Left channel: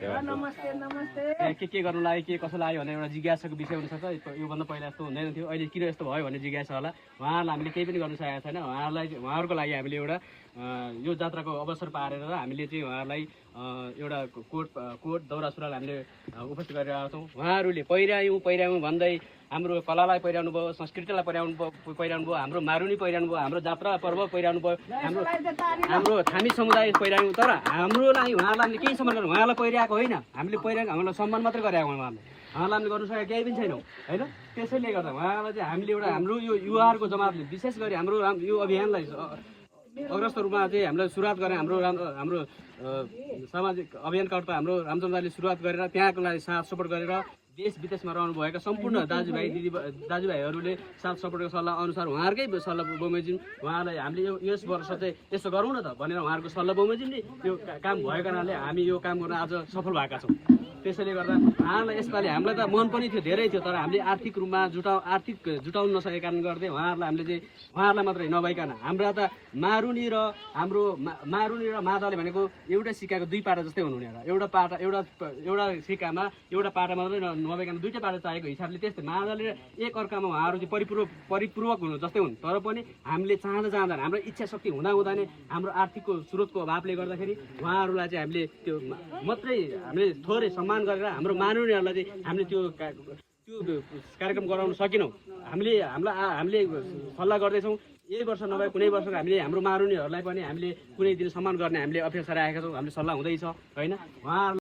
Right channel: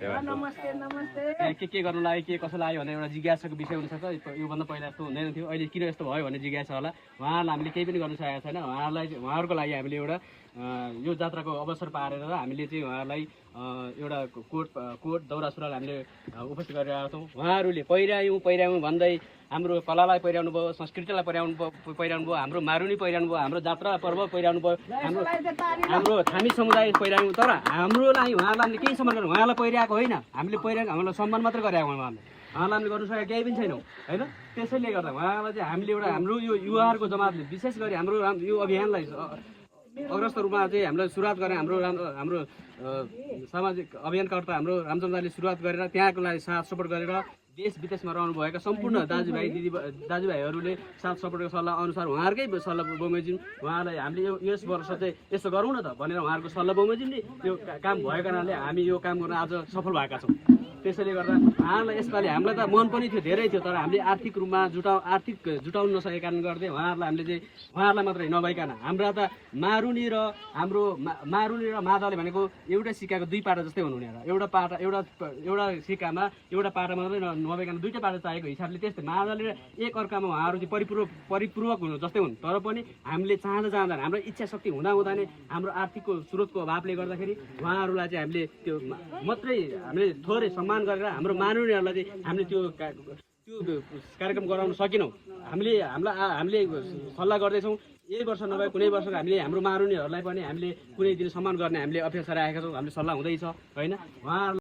के गर्नु लाग्यो के कसो लाग्यो भनेर एउटा जिज्ञासाको विषय हुनसक्छ। योभन्दा पहिला यस्तो हुँदैन थियो, अहिले किन यस्तो भयो भन्ने जिज्ञासा होला। उहाँहरूलाई हामीले केही पनि गर्न सकेका छैन। उहाँहरूको लागि हामीले एउटा यो जात्राको अवसर पारेर हामीले चाहिँ उहाँहरूलाई एउटा कोट दौरा सुरुवाल हामीले उपस्थित गरिरहेका छौँ। उहाँहरूले पहिर्यायौँ भन्दै हाम्रो कलालाई पहिर्याउनु भयो, संस्कृतिलाई पहिर्याउनु भयो, हाम्रो मारुनी पहिर्याउनु भयो, हाम्रो जात्रा पर्व पहिर्याउनु भयो, हाम्रो थामी समुदाय पहिर्यायौँ। तर हाम्रो लागि उहाँलाई केही सम्मान गर्नु, उहाँलाई पहिर्याएको होइन, हामीले पहिर्याएको हामीलाई सम्मान मात्रै गरेको उहाँलाई हामीले गर्नु सकेको केही पनि छैनौँ होइन। त्यसैले गर्दा उहाँलाई चाहिँ हामीले एउटा हाम्रो यो युवाहरूको जमातले विशेष गरी हाम्रो यो अभियानलाई अग्रस्त रूपमा चाहिँ हामीले सुरुवात गरेँ। हाम्रो सामाजिक अभियानकर्ता हाम्रो रामचन्द्रले सुरुवात गरेर त्यहाँको लागि साथ सपोर्ट गरेर देश विदेशमा रहनुभएका सम्पूर्ण दाजुभाइहरूले साथ सपोर्टको सल्लाह अनुसार उहाँहरूकै सल्लाह बमोजिम उहाँलाई हामीले यस वर्ष चाहिँ यसो गरौँ न त भनेर उहाँहरूको सल्लाह बमोजिमले यो काम भएको कारणले हामी यो काम गर्न आज सफल भएका छौँ। त्यसैले गर्दा उहाँहरूलाई यसपालि हामीलाई त मन पनि थियो, धेरै थियो, तर हामीले आर्थिक रूपमा जुटाउन नसकेका कारणले गर्दै उहाँहरूलाई हामीले चाहिँ उहाँहरूलाई मात्रै नभइकन हाम्रा त मारुनी र मादले भनेको एउटा सिक्काको दुई पाटा जस्तै हुनुहुने एउटा सिक्कामा एउटा पाटा मात्रै नभइकन दुईवटा पाटा चाहिएको हिसाबले त्यस्तै मादले र एक अर्कामा उहाँहरू चाहिँ परिपूर्वक हुनु जस्तै हुन्। तर पनि हामीले चाहँदा हाम्रो इच्छा शक्ति हुँदा नै हाम्रो आर्थिकको स्रोतको अभावले गर्दाखेरि उहाँहरूलाई चाहिँ हामीले त्यो मात्रै हामीले थोरै सम्मान गरेर हाम्रो मारुनीहरूलाई चाहिँ हामीले त्यो कार्यक्रम गराउन सकेनौँ। हामीले सल्लाह गर्दैछौँ यही वर्ष नभए कुनै वर्ष हामीले हाम्रो मारुनीहरूलाई पनि हामीले कुनै दिन सम्मान गर्ने हामीले अपेक्षा राखेका छौँ। हामीले सल्लाह हुँदैछ होइन। उहाँहरूलाई